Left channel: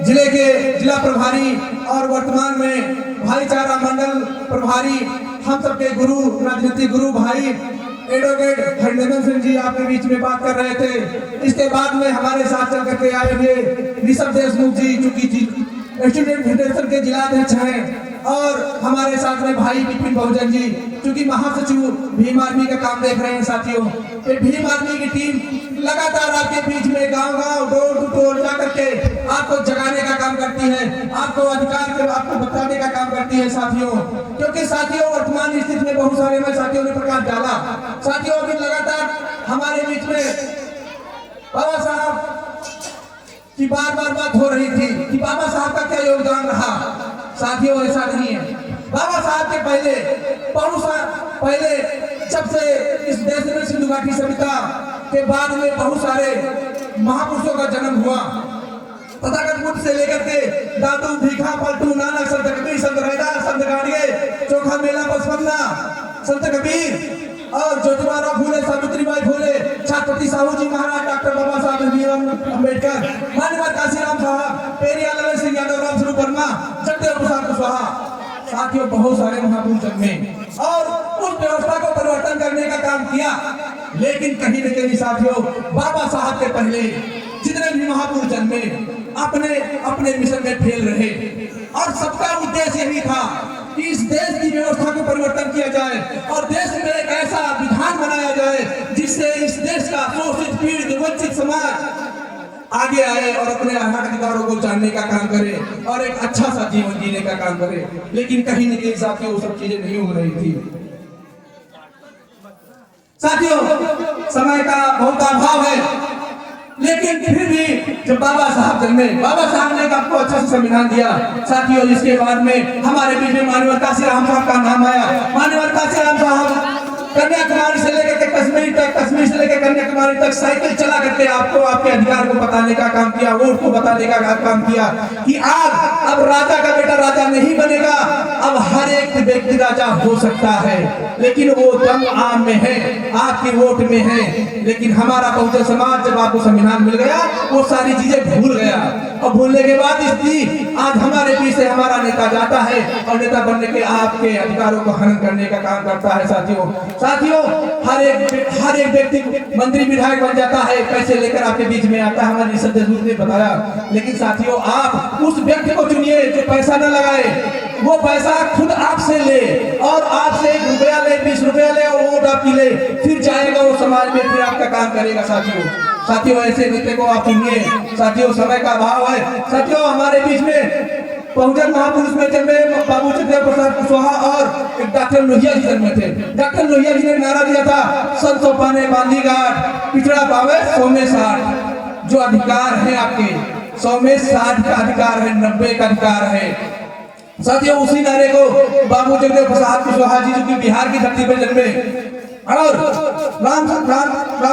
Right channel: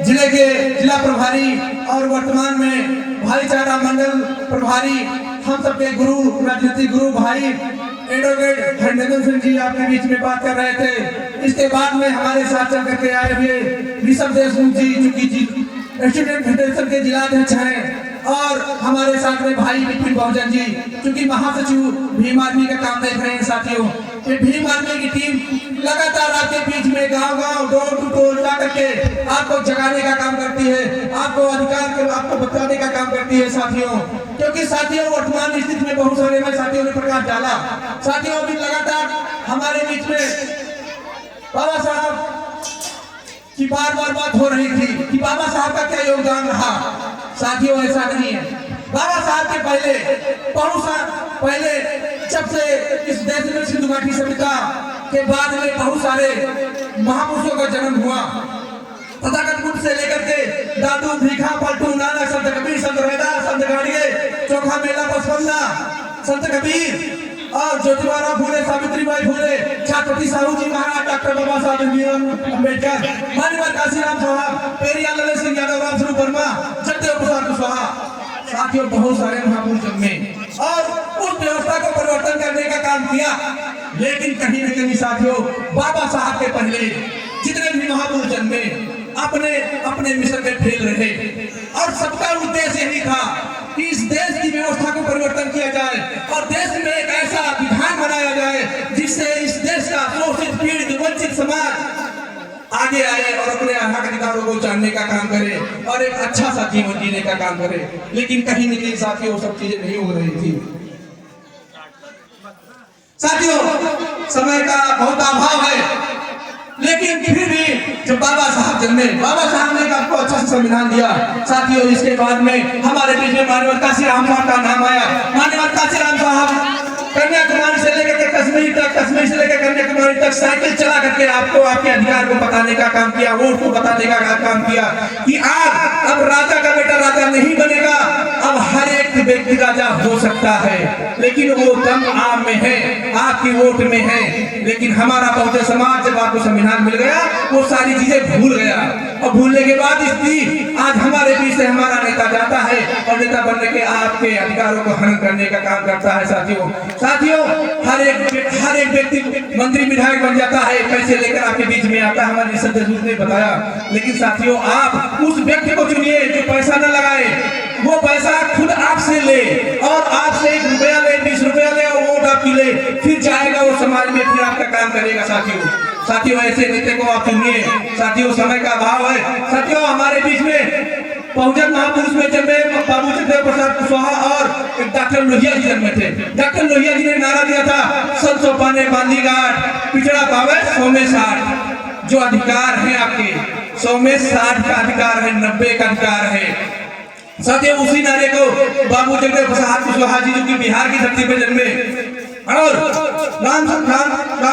जिले के जिला प्रभारी और वर्तमान में भाईचारा मंडल प्रभारी, हम सबके गुरु, राजनीतिक गुरु भाई एडवोकेट हरिनंदन सिंह जी आपके बीच में बात कर रहे थे। इसके बाद में हमारे साथ चल करके आए हुए ऋषभ देशमुख जी, जो कि स्टूडेंट फेडरेशन के जिलाध्यक्ष हैं, और हमारे साथ में भाई विपिन बहुजन जी, क्योंकि महासचिव भीम आर्मी का काम देख रहे हैं साथियों। ये भीम आर्मी की टीम लगातार आपके बीच में गांव-गांव, डोर टू डोर जा करके आपको जगाने का काम करती है, आपको अधिकार आपको बताने का काम करती है साथियों। क्योंकि साथियों वर्तमान स्थिति में बहुत सारे में साथियों ने प्रकाश डाला। साथियों अभी लगातार हमारे बीच में बाबा साहब की बार बात हो रही थी कि बाबा साहब का क्या योगदान रहा। साथियों ऐसा नहीं है। बाबा साहब के पहले जब से इस देश में सिंधु घाटी सभ्यता के बाद में बहुत सारे महापुरुषों का जन्म हुआ। तथागत बुद्ध से लेकर के दादू, भीखा, पलटू, नानक, संत कबीर, संत रैदास, संत गाड़िए, चोखा मेला, बसवन्ना, संत कबीर और ज्योतिबा फूले, सावित्रीबाई फूले, छत्रपति साहू जी महाराज, डॉक्टर बाबा साहब भीमराव अम्बेडकर, माननीय काशीराम साहब, पेरियार ललन सिंह यादव, राम स्वरूप वर्मा, जगदेव प्रसाद कुशवाहा। साथियों बहुत सारे महापुरुष जन्मे और उस व्यवस्था को परिवर्तन करने का काम किया। लेकिन कहीं न कहीं साथियों बाबा साहब के पहले जितने भी महापुरुष जन्मे अपने अपने मिशन में फेल रहे, और सबका उद्देश्य यही था कि इस देश की व्यवस्था को परिवर्तन किया जाए और देश में एक ऐसा विधान बनाया जाए जिससे इस देश का शोषित, पीड़ित, वंचित समाज आगे आए और अपने हक अधिकारों को जानने का काम करे और एक अच्छा सा जीवन जीने का काम करे। लेकिन कहीं न कहीं साथियों वो सब चीजें नहीं हो रही थी। साथियों समय का बहुत अभाव है, लेकिन फिर भी जब बाबा साहब जन्मे, बाबा साहब ने आपको अच्छा सा संविधान दिया। साथियों इसके बाद में हमारे बीच में माननीय काशीराम साहब का नाम आया। माननीय काशीराम साहब कन्याकुमारी से लेकर के कश्मीर तक, कश्मीर से लेकर कन्याकुमारी तक साइकिल चला करके आपको आपके अधिकार को बताने का काम किया, वोट को बताने का काम किया कि आज अब राजा का बेटा राजा नहीं बनेगा, अब हर एक व्यक्ति राजा हो सकता है, लेकिन वो दम आम में है, आपकी वोट में है। लेकिन हमारा बहुजन समाज जब आपको संविधान मिल गया वो सारी चीजें भूल गया, और भूलने के बाद स्थिति आज हमारे बीच से हमारा नेता जाता है और नेता बनने के आपके अधिकारों को हनन करने का काम करता है। साथियों हर एक व्यक्ति मंत्री विधायक बन जाता है, पैसे लेकर आपके बीच में आता है, हमारे ऋषभ देशमुख ने बताया। लेकिन साथियों आप उस व्यक्ति को चुनिए जो पैसा न लगाए, वो पैसा खुद आपसे ले और आपसे 1 रुपया ले, 20 रुपया ले और वोट आपकी ले, फिर जाएगा वो समाज में, फिर आपका काम करेगा। साथियों ऐसे नेता को आप चुनिए। साथियों समय का अभाव है। साथियों हमारे बीच में बहुजन महापुरुष में जन्मे बाबू जगदेव प्रसाद कुशवाहा और डॉक्टर लोहिया जी जन्मे थे। डॉक्टर लोहिया जी ने नारा दिया था, सब सौ पाने बांधी गांठ, पिछड़ा पावे 100 में 60। जो अधिकार है आपके 100 में 60 का अधिकार है, 90 का अधिकार है। साथियों उसी नारे को बाबू जगदेव प्रसाद कुशवाहा जी जो कि बिहार की धरती पे जन्मे, और राम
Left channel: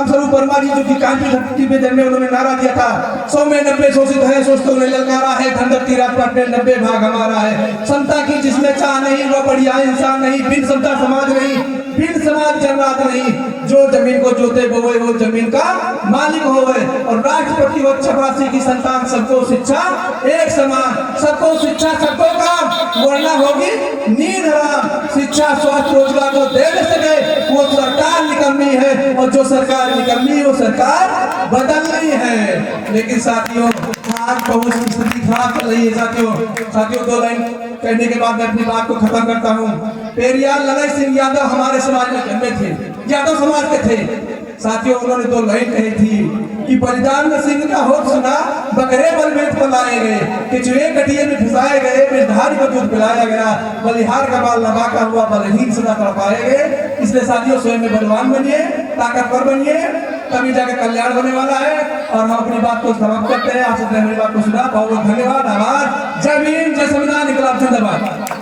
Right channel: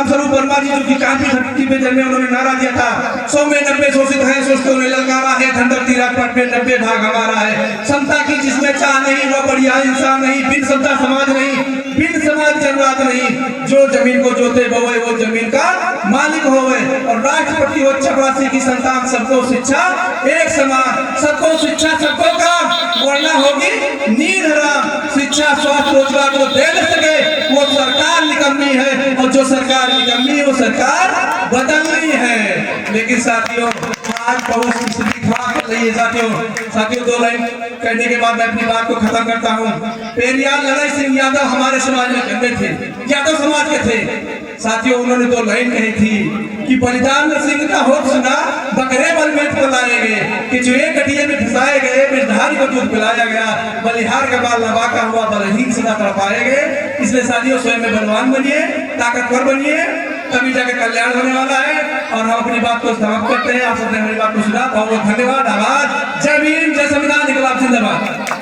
स्वरूप वर्मा जी जो कि कांची धरती पे जन्मे, उन्होंने नारा दिया था 100 में 90 शोषित है, शोषितों ने ललकारा है, धनदौलती राजपाट में 90 भाग हमारा है। समता की जिसमें चाह नहीं वो बढ़िया इंसान नहीं, बिन समता समाज नहीं, बिन समाज जनराज नहीं, जो जमीन को जोते बोए वो जमीन का मालिक होवे। और राष्ट्रपति हो चपरासी की संतान, सबको शिक्षा एक समान, सबको शिक्षा सबको काम, वरना होगी नींद हराम। शिक्षा स्वास्थ्य रोजगार को दे सके वो सरकार निकम्मी है, और जो सरकार निकम्मी वो सरकार बदलनी है। लेकिन साथियों आज बहुत स्थिति खराब चल रही है। साथियों 2 लाइन कहने के बाद मैं अपनी बात को खत्म करता हूँ। पेरियार ललन सिंह यादव हमारे समाज में जन्मे थे, यादव समाज के थे। साथियों उन्होंने 2 लाइन कही थी कि बलिदान सिंह का होठ सुना, बकरे बलमेत को लाए गए, किचुए कटिए में फंसाए गए, बिरधारी को दूध पिलाया गया, बलिहार का बाल नवा का हुआ, बलहीन सदा तड़पाए गए। इसलिए साथियों स्वयं में बलवान बनिए, ताकतवर बनिए, तभी जाके कल्याण होने वाला है। और हम अपनी बात को समाप्त करते हैं। आप सबने मेरी बात को सुना, बहुत बहुत धन्यवाद। आवाज जय भीम, जय संविधान, इनकलाब जिंदाबाद।